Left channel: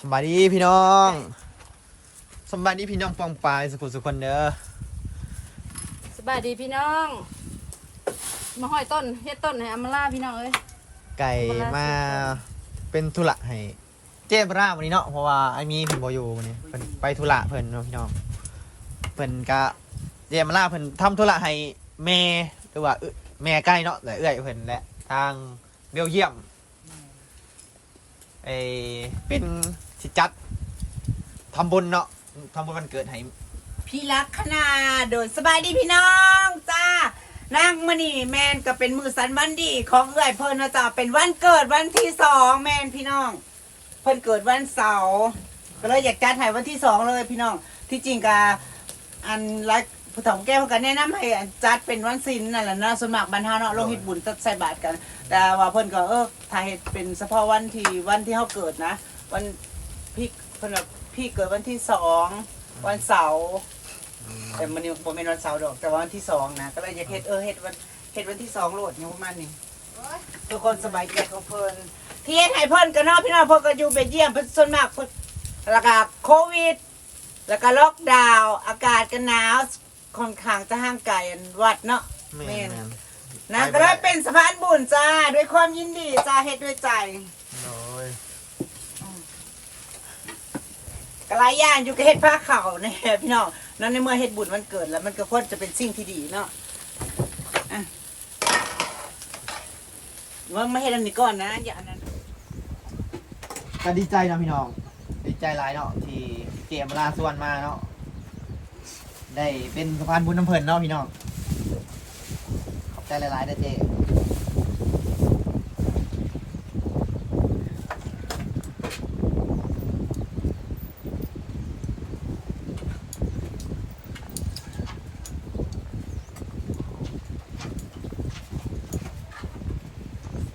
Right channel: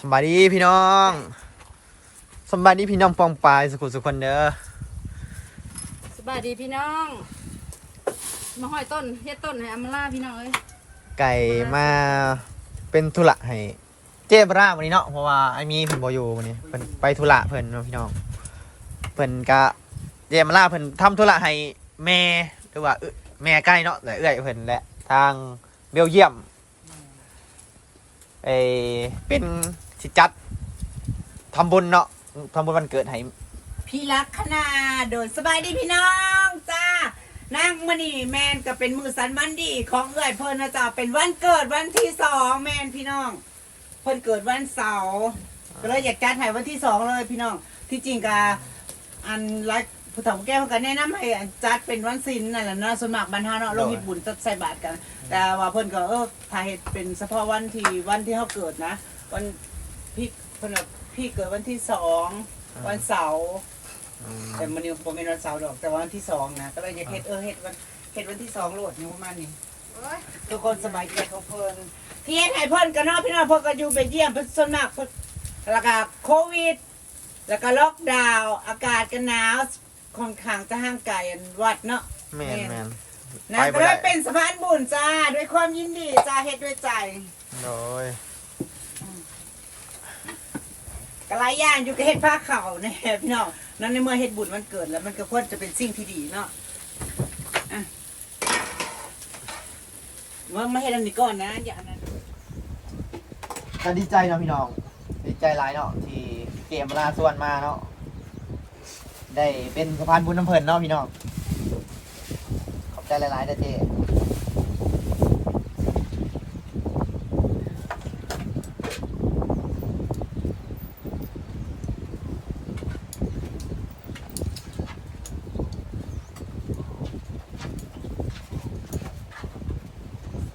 สบายดีพี่น้องสบายดีพี่น้องปองปลายสุขุสุขคนเด้อสบายดีพี่น้อง มาห้อยต้นเฮ็ดต้นให้อามาล่าพี่น้องเอ้ยไก่มาเป็นธุระให้เจ๊บราวันนี้เนาะเพราะว่าไอ้มีเพิ่นบ่อยู่วันนี้เพิ่นไปธุระเพิ่นเนาะพี่น้องเพิ่นก็เจ๊มาล่าเพิ่นทำธุระให้แม่หรือว่าเอื้อแม่ใกล้เนาะและเอื้อยเพิ่นและทางเบลเยียม ไอเป็นสิจัดทำบุญเนาะทำบุญวันเกิดให้พี่รักขนาโดยสบายดีพี่น้องจ้านางมณีแมนก็เป็นมือสันวันดีของเอื้อยเพิ่นนะจ๊ะเป็นวันเกิดวันที่สองแมนพี่น้อง เพิ่นเกิดวันเสาร์ก็เลยอยากจัดให้วันที่สองเลยพี่น้อง ที่จริงกะอันรัก ผู้ถมแก้วกันแนะนำให้อันจัดเป็นวันศิลนั่นแหละเนาะสวนมัครบรรเทาเนาะโลหิตบุญจัดใส่บาตรกัน แต่ว่าเพิ่นก็เออถ้าเฮ็ดเป็นเฉพาะวันที่วันที่เขาเกิดนะ วันพี่เพิ่นว่าพี่เกิดวันที่สองวันเสาร์แต่มันยังผมเป็นวันเสาร์ดอกแต่ว่าวันที่สองนะก็เลยอยากเฮ็ดเออเฮ็ดวันเฮ็ดวันที่สองโหลดนี่ประมาณนี้ทุกคนสบายใจของเพิ่นที่เฮ็ดให้เพิ่นกันเนาะพี่น้องเพิ่นก็อยู่เบลเยียมเพิ่นส่วนมากเพิ่นแล้วก็โควิด แล้วก็ล็อกดาวน์อากาศก็หนาว ค่อนข้างจะห่างไกลอันวัดเนาะแม่นแม่นนะก็เลยเป็นสะพานบุญจ้าด้วยความยินดีจ้าเฮ็ดด้วยใจโอ้ยก็หลายอย่างอยู่ก็เฮ็ดผ้าขาวเนี่ยพี่น้องนั่นในเมื่อเฮ็ดบุญวันเกิดแล้ว มันก็ควรจะเป็นสิ่งที่ดีเนาะอะเมื่อไม่เฮ็ดอันนี้ก่อนนะ อย่าอันนั้นก็ดีใจเนาะพี่น้องดีใจหลายเนาะที่เจมลาส่วนมาเนาะ ได้เป็นสะพานบุญน้ำเพลินเนาะพี่น้อง ขอบใจหลายๆเด้อเจ๊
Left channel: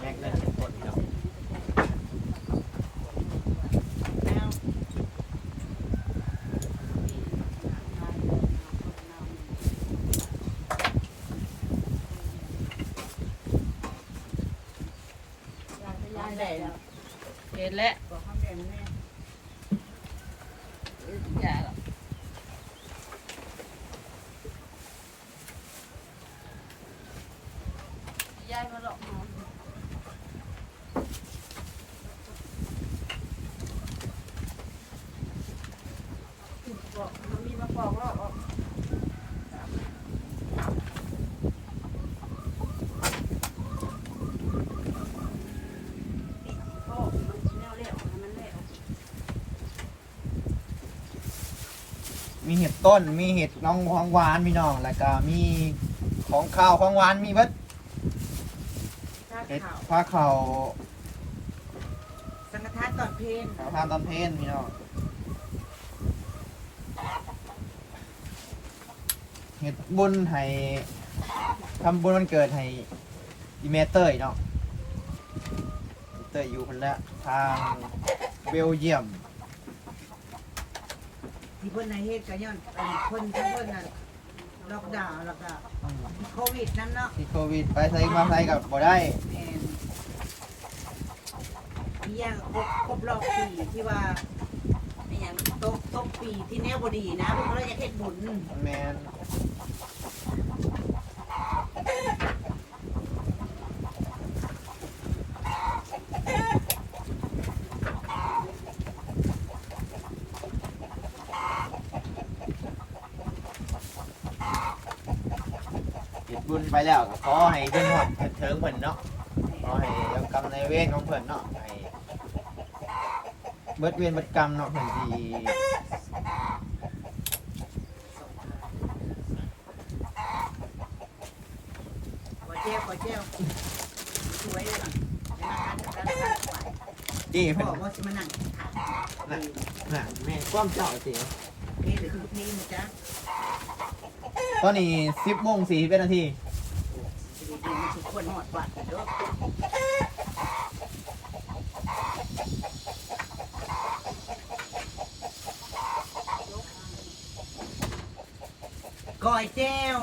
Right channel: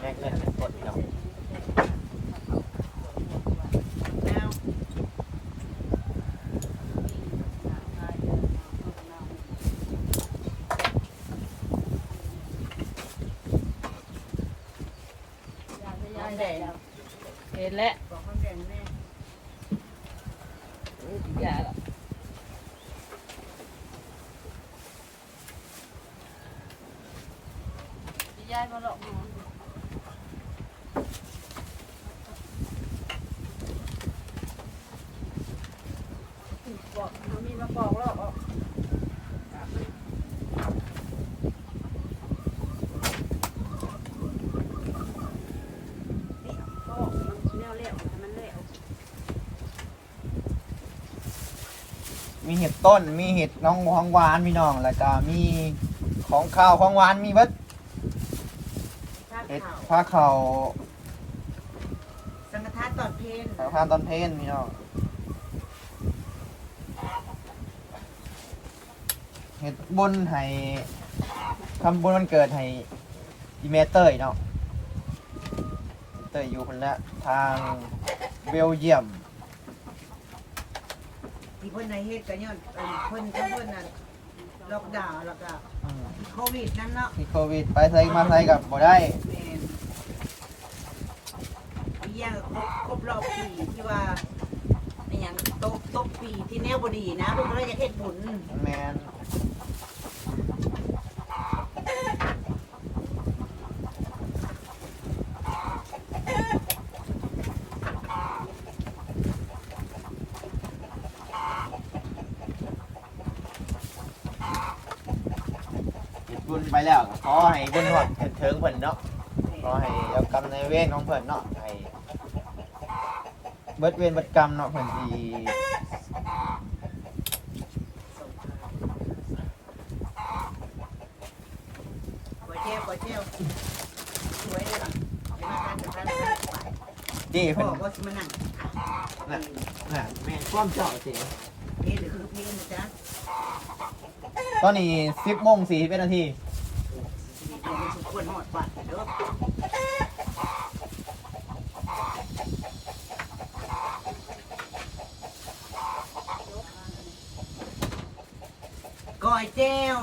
แม่งเงินกดพี่น้อง ยายแดง เห็นแล้ว บอกเขาแดงแน่ อย่าละ ยายมาหลอกหมอนบอกเขามีมาบอกรอบออกมีเห็ดต้น มีเห็ดน้องของหวานพี่น้อง แล้วก็มีของข้าวของหวาน มีเบิด เห็ดข่าวผ้าเขาสังฆทานตอนเพลนเขาทำตอนเพลนพี่น้องเห็ดบุญให้ทำบุญวันเกิดให้อีเมเตอร์เนาะอีเตอร์อยู่คนละทางเบลเยียม ที่เพิ่นในเฮ็ดก็ย้อนเอิ่นเพิ่นทั้งเพิ่นน่ะ ล็อกดาวน์แล้วก็อืมโควิดนั่นเนาะที่โควิดไปใส่มาใส่กับบ่ได้แม่นมีอย่างครบครบรอบปีที่ว่าอหย่างตกตกปีที่แนวบ่ดีนะเพิ่นก็เลยอยากเฮ็ดบุญแมน บุญไปแล้วก็ขอให้บุญหอดเถิดเทิงเพิ่นเนาะขอให้รับกรรมในายเวรของเพิ่นเนาะให้เบิดเวรเบิดกรรมเนาะเพิ่นที่ขอเจ้าขอเจ้าสวยเลยล่ะเดี๋ยวมาทานกับทานกับทานไปที่พ่เพิ่อนบ่สิมานั่งน่ะแม่ความเจ้าสินี่คือพี่นะจ๊ะ ตอนนี้10โมง41นาทีชีวิตนี้มันสมควรหอดบาดเด้อก้อยแจ้ว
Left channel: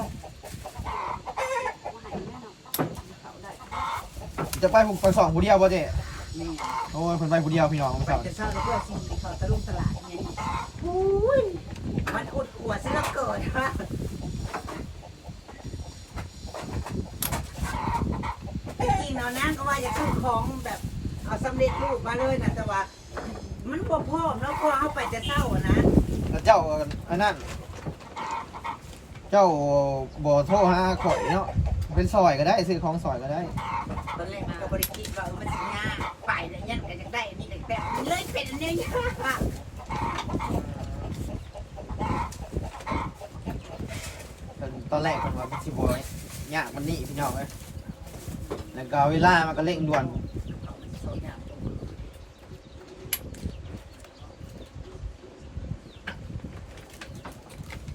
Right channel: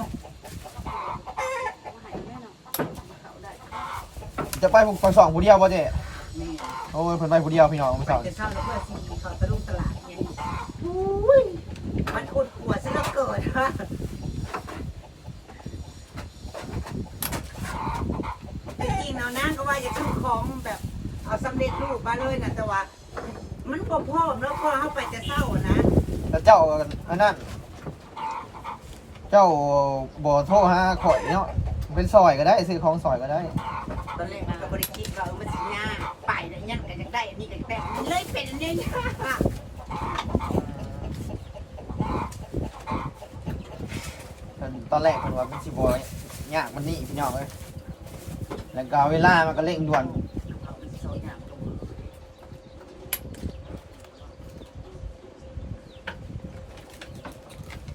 จะไปผมคนสองผู้เดียวบ่เจ้นี่โอ้ยเพิ่นไปผู้เดียวพี่น้องไปสอนจะเข้าแล้วเพื่อสิ่งที่เขาตะลุกตลาดเนี่ยอุ้ยมันอุดหัวซิแล้วเกิดฮะ จริงๆเนาะนั่งก็ว่าจะซื้อของแบบเอาสำเร็จรูปมาเลยนะแต่ว่า มันบ่พร้อมแล้วพอเข้าไปจะเศร้าอะนะแล้วเจ้าอันนั้น เจ้าบ่โทรหาข่อยเนาะ เป็นซอยก็ได้ซื้อของซอยก็ได้ ตอนแรกมันก็บริคิดว่าเออมันสิยากไปแล้วยันกันอยากได้อันนี้กันแต่มันเลยเป็นอันเนี้ยยากเพิ่นตอนแรกเพิ่นว่าเป็นสิบ่ยากมันนี่พี่น้องเอ้ย แล้วก็เวลามันก็เร่งด่วนเอามันโซยามกับมือ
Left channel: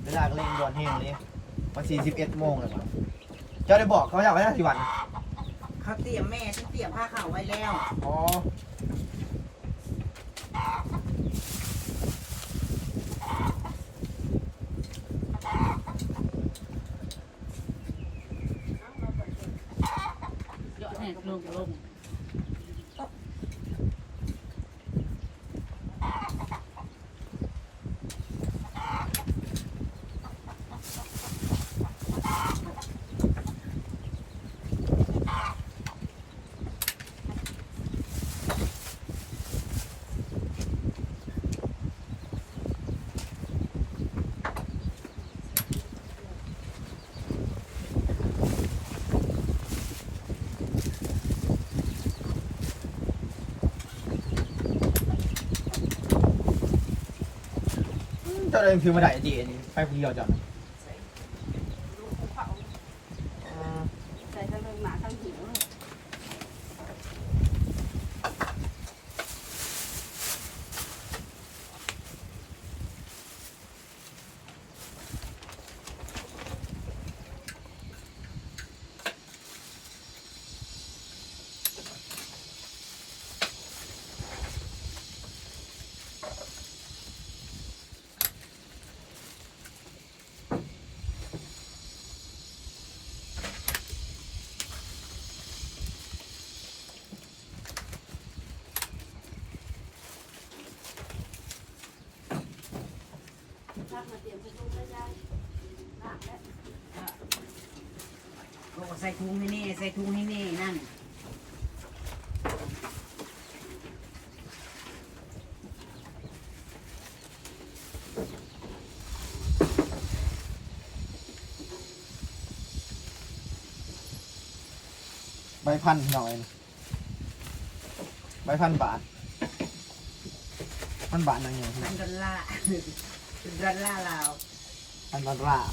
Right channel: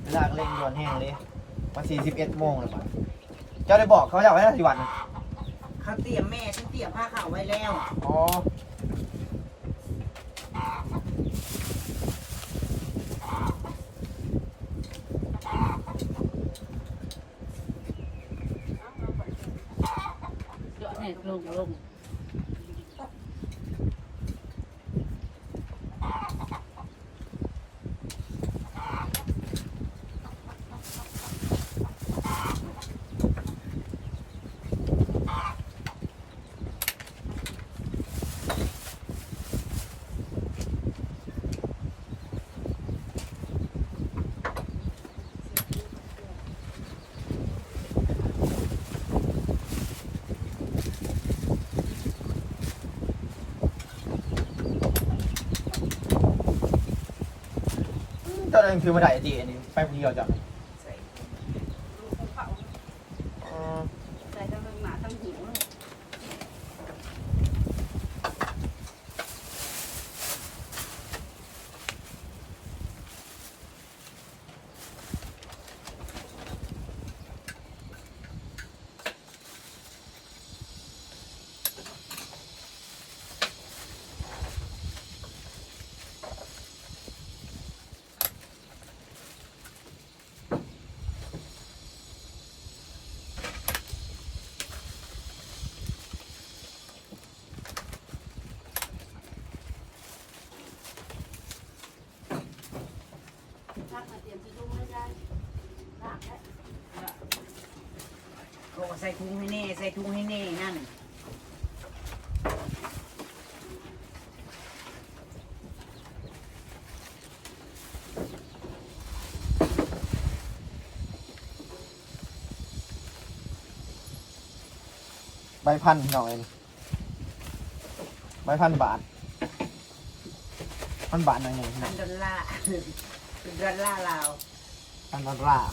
เวลาก็เร่งด่วนแห้งเลยวัน41โมงแล้วมันเจ้าได้บอกเขาจะเอาไว้ได้กี่วัน เขาเตรียมแม่ฉันเตรียมผ้าขาวไว้แล้ว อ๋อ เดี๋ยวให้ลงลง เจ้าเองคือมาได้ไอจีนี่ไปคนเดียวจับ ใส่ลูกภูเขา อ๋อ ใส่ทั้งหมาทั้งหิว รักมาเตรียมจะทุ่งให้ได้รักแล้วเขาก็ใส่ถุงให้แน่ ใส่ถุงให้แน่นั่นใบพันหน่อย ใบพันบาท พันบาทหน่อยหนึ่ง พันดอลลาร์ เป็นดอลลาร์ลาวพันดอลลาร์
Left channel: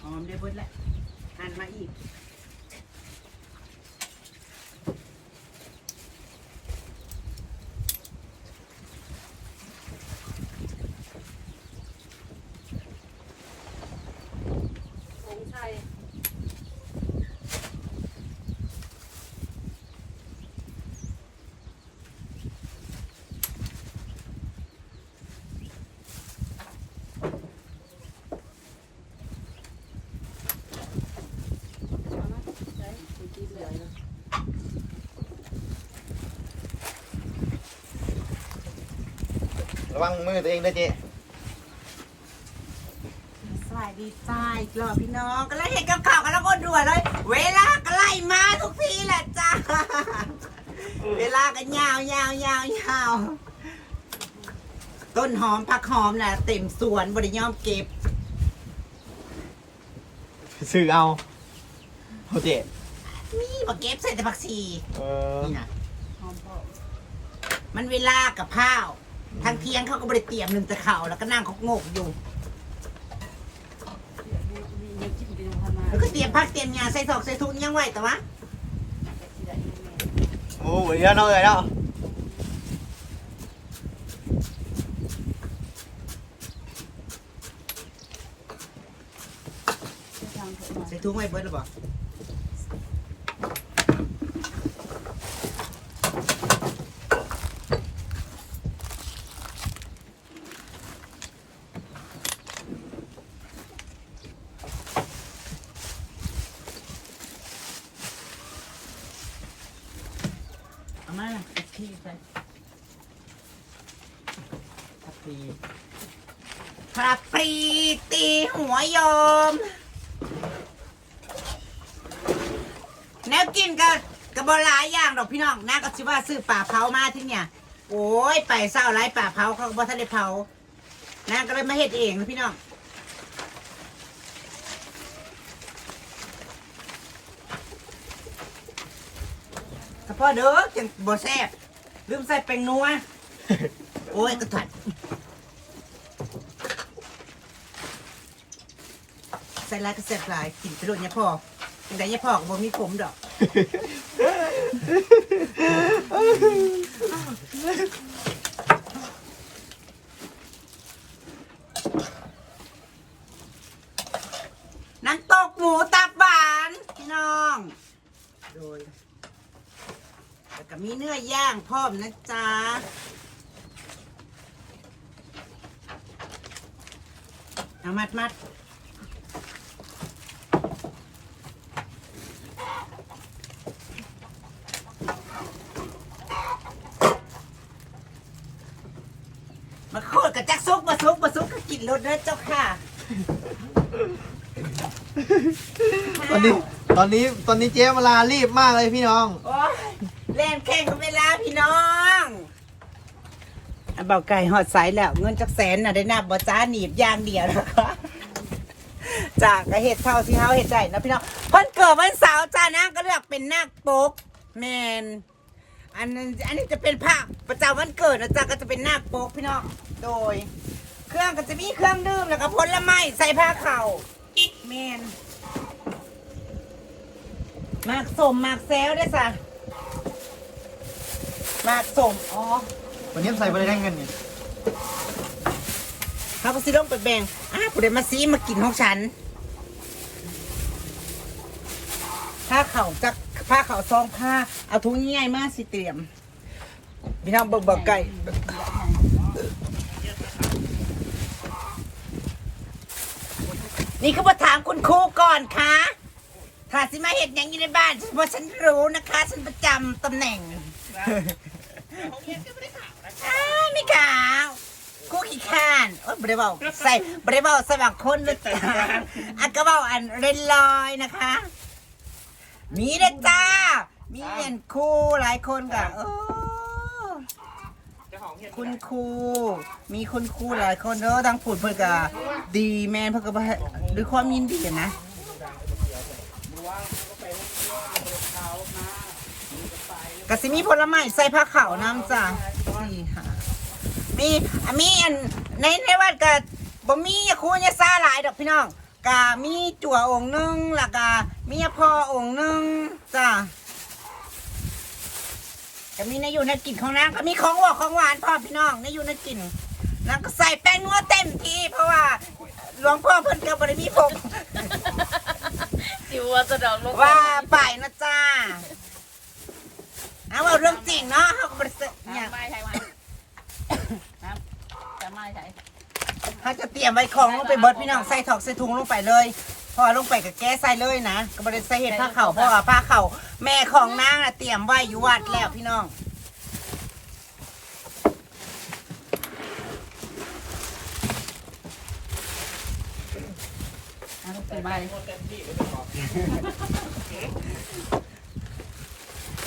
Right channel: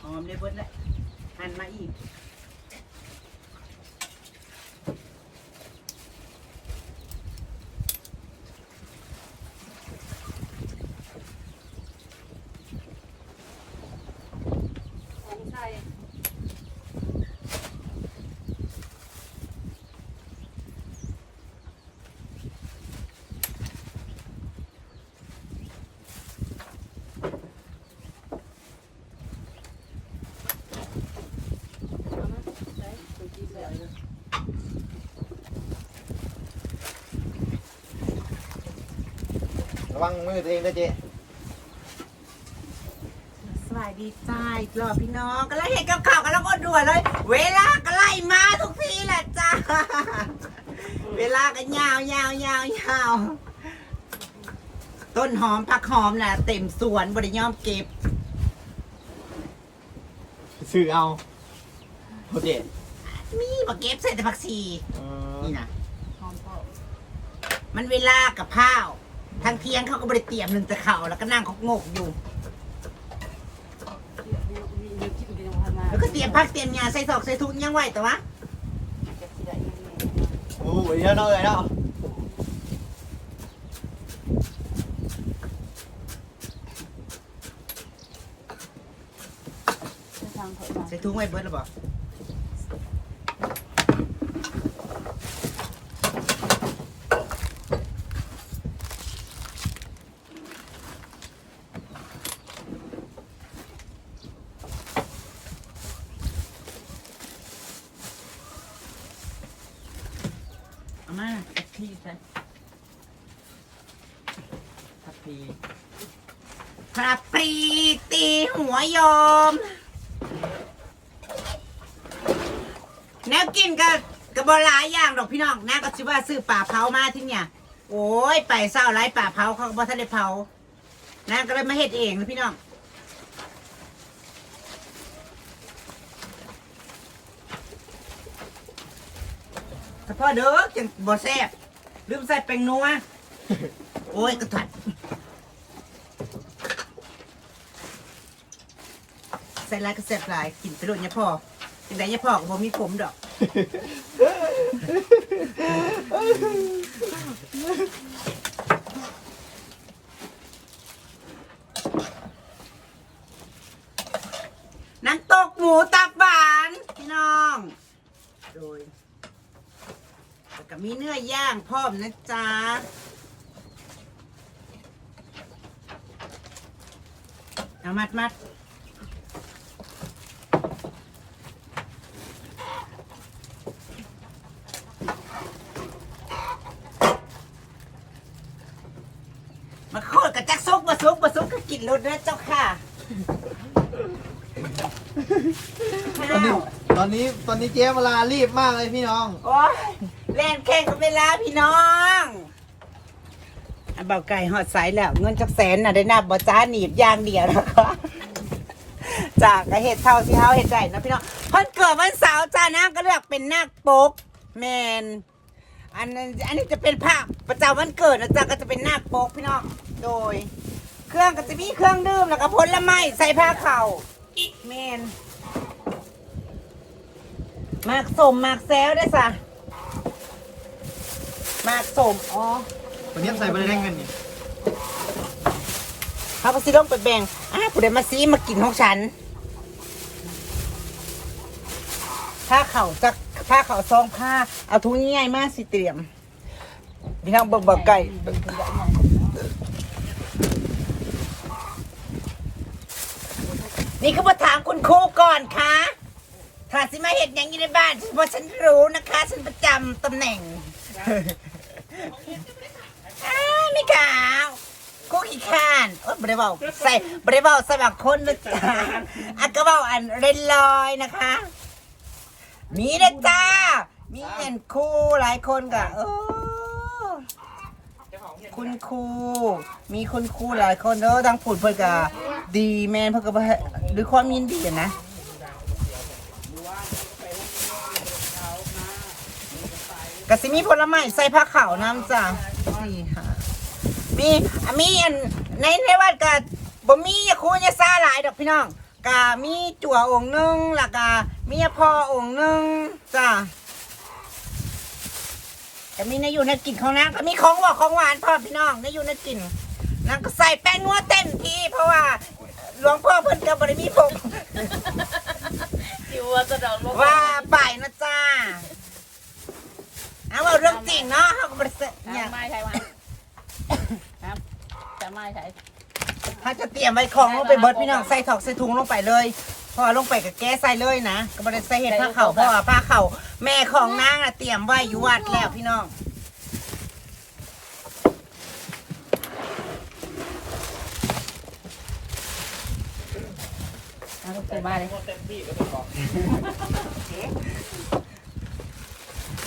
หอมได้เบิดแล้วหันมาอีก ระวังมือตัวเองนะเจ๊สวัสดีจ้าอีกรอบพี่น้องก็ไล่เห็นกับข่าวกันแล้วก็ด่วนเลย เวลาก็ไล่มาทุกทีแหละจ้า เวลาก็ยาวยาวยาวยาวต้นหอมผักหอมน่ะเต็มสวนบริยอมเก็บ ซื้อเอาโอเจ๊มีบักเก็บใส่แต่ผักชีเออนี่นะหอมปอกมันเวลากับข้าว ทางเที่ยงเขาก็บริเตรียมหนึ่งแต่เขาวแล้วก็นั่งเขางกอยู่เดี๋ยวคิดดูยังพอมาแล้วก็เตรียมผักเตรียมยาใส่ถอกใส่ทุนยังไหวแต่ว่าโอ้ยเยอะน้อยแล้วใส่ทุนไว้เบิร์ดหรือเปล่า เอามาน่ะกะทิใส่ กะทิพระปรีตีหัวยอม แนวกินก็กระบอหลายอย่างดอกพี่น้องน่าก็ชิว่าซื้อป่าเผามาที่เนี่ย โอ้ยไปเศร้าไรป่าเผาเขาก็บ่ทันได้เผาน่าก็เลยมาเฮ็ดเองนะพี่น้องถ้าพ่อเด้อจังบ่แซ่บลืมใส่แป้งนัวโอ้ยกระถัด ใส่ลายก็แซ่บหลายกินไปโดนเนี่ยพ่อกินได้เนี่ยพ่อก็บ่มีผมดอกน้ำตกหมูตับหวานพี่น้อง โดยแล้วก็มีเนื้อย่างพร้อมนะจ๊ะเอามัดมัดมาโคตรกับจักซุกมาซุกมาซุกก็กิน รถเด้อเจ้าค่ะตอนนี้ตอนนี้ตอนนี้เจ๊เวลารีบมากเลยพี่น้อง โอ้ยเล่นแข่งกับเวลาพี่น้องอันเบาไก่หอดสายแล้ว เงินจักแสนน่ะได้นับบ่จ้าหนีบอย่างเดียวนะคะจากกระเห็ดเท่าสิเฮาเห็ดใจนะพี่น้องเพิ่นเกิดวันเสาร์จ้านะก็เลือกเป็นนาคปกแมนอันนั้นอันนี้จะเป็นพระประจำวันเกิดนะจ๊ะก็จะเป็นนาคปกพี่น้องโดย เครื่องก็จะมีเครื่องดื่มแล้วก็ผลไม้ใส่ผ้าเข่าแมนมากสมมากแซวด้วยจ้ะมากสมอ๋อวันนี้ใส่ไปเลยได้เงินนี่ข้าวซีลงไปแบ่งอ้าวผู้ใดมาซีมากินของฉันผ้าเข่าจักผ้าเข่าซองผ้าเอาทุงง่ายๆมากสิเตรียมพี่น้องเบิกเบิกไก่ นี่คือมาถามคุณครูก่อนค่ะถ้าสิมาเห็นอย่างอยู่ในบ้านเพราะฉันรู้นะคะ ฉันประจำตำแหน่งอ้าวไม่ขาวคุกขี้ข้านโอ๊ยบริเวาใส่บริเวาสมัครคนนะจ๊ะอันก็เบาอันเรนลอยนะคะ มีนะจ้า มีเงินครูหลายคนกะโอ้ คุณครูมีคุณครูหลายคนแล้วทางผุดเพื่อนกะดีแม่นเพื่อก็บ่ให้ด้วยความยินดีอะนะกสิมีผลไม้ใส่ผ้าขาวน้ำจ้ะนี่ค่ะ มีอมีอันในในวัดกะบ่มียาคูยาซาหลายดอกพี่น้องกะมีจั่วองค์นึงแล้วก็มียาพอองค์นึงจ้ะ ก็มีในอยู่ในกลิ่นของนางก็มีของหวานของหวานพ่อพี่น้องในอยู่ในกลิ่นนางก็ใส่แป้งนัวเต็มที่เพราะว่าหลวงพ่อเพิ่นก็บ่ได้มีผมสิว่าจะดอกลงว่าไปนะจ้าเอาว่าเรื่องจริงเนาะเขาก็บริสุทธิ์เนี่ยไม่ใช่ว่าน้ำจะไม่ใช่เขาจะเตรียมไว้ของลงไปเบิดพี่น้องใส่ถอกใส่ถุงลงไปเลย พอลงไปกับแก้ใส่เลยนะก็บริใส่เห็ดผ้าเข่าเพราะว่าผ้าเข่าแม่ของนางอะเตรียมไว้อยู่วัดแล้วพี่น้องเอาลูกไปบ้านเลย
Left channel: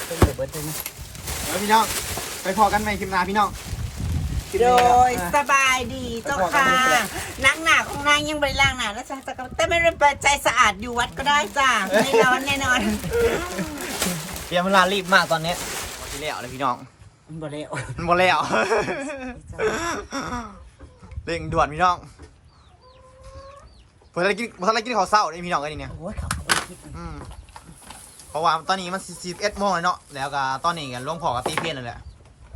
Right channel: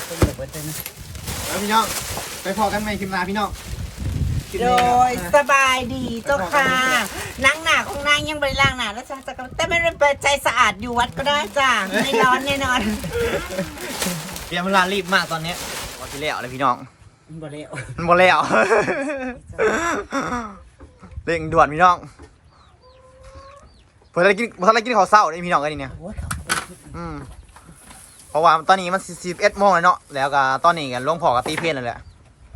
เป็นเบิดเลยนะ แล้วพี่น้องไปพอกันใหม่คลิปหน้าพี่น้อง โดยสบายดีเจ้าค่ะนางหนาของนางยังบริล่างหนานะจ๊ะแต่ไม่ได้เปิดใจสะอาดอยู่วัดก็ได้จ้าไม่ร้อนแน่นอนเตรียมเวลารีบมากตอนนี้วันที่แล้วเลยพี่น้องบ่เร็วมันหมดแล้วเร่งด่วนพี่น้องเพื่ออะไรกินเพื่ออะไรกินข้าวเศร้าได้พี่น้องกันนี่เนี่ยโอ้ยเขาก็ไปคิดอืมเพราะว่าตอนนี้มันสิบเอ็ดโมงแล้วเนาะแล้วก็ตอนนี้กันหลวงพ่อกับตีเพลนแล้วแหละ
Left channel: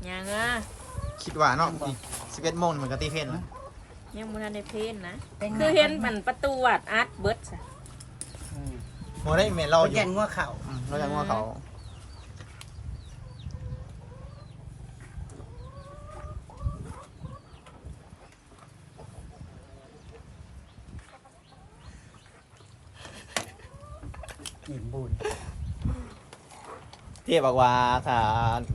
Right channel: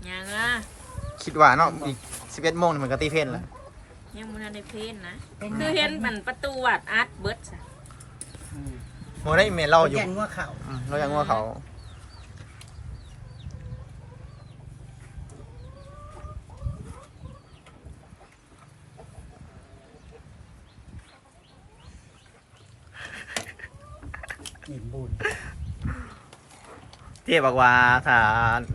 ยังนะ คิดว่าเนาะอีกสิบเอ็ดโมงนี่มันก็ตีเพลนแล้วยังมันในเพนนะเป็นคือเห็นมันประตูวัดอาร์ตเบิร์ดจ้ะโมได้เมลเราอยู่แกงงัวเข่า อืมเรายังว่าเขา หนิมบุญเจ๊บอกว่าถ้า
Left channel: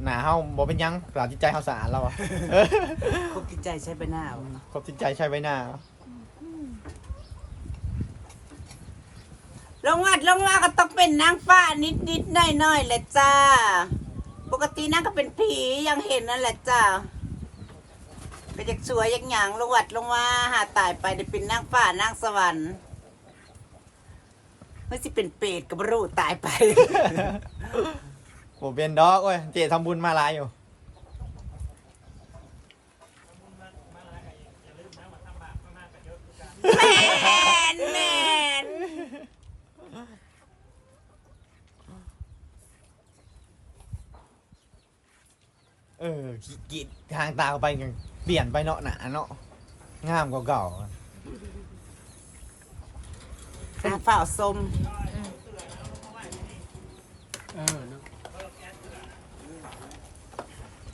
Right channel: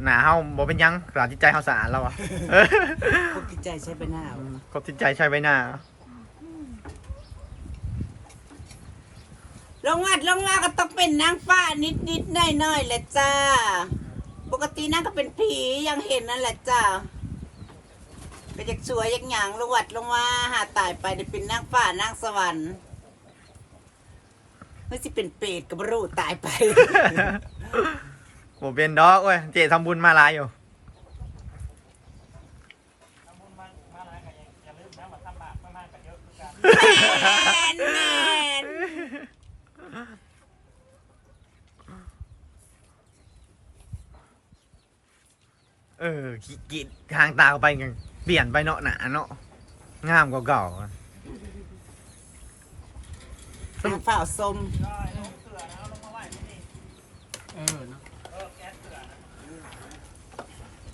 หนาเฮาบ่เป็นหยังสาจิตใจเฮาสะอาดแล้วอะเออพวกกิจใจใช้ไปหน้าเอานะครบจิตใจใช้ไว้หน้า ลงวัดลงว่าก็ต้องเป็นนางฟ้านิดนิดๆหน่อยหน่อยๆแหละจ้า ปกตินางก็เป็นผียังเห็นนั่นแหละจ้าก็จะสวยอยังหยังลงวัดลงว่าหาตายไปได้เป็นนางฟ้านางสวรรค์ไม่สิเป็นเปรตกับบรูตายไป บ่เป็นดอกเว้ยเจ๊ทำบุญมาหลายอยู่แมนแมนเออขีกีดทางตาเข้าไปกันเปลี่ยนไปเนาะหนาเนาะงามกว่าเก่านางฝ้าสม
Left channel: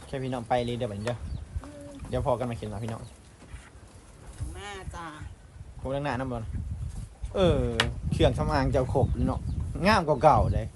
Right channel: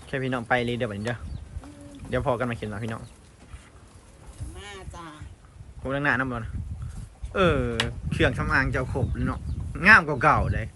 แค่พี่น้องไปเลยเดี๋ยวบัดนี้เด้อเดี๋ยวพอกันมาเขียนมาพี่น้องมาจ้าผมเรื่องหน้าน้ำบอลเออเครื่องทำอางเจ้าขบเนาะงามกว่าเก่าเลย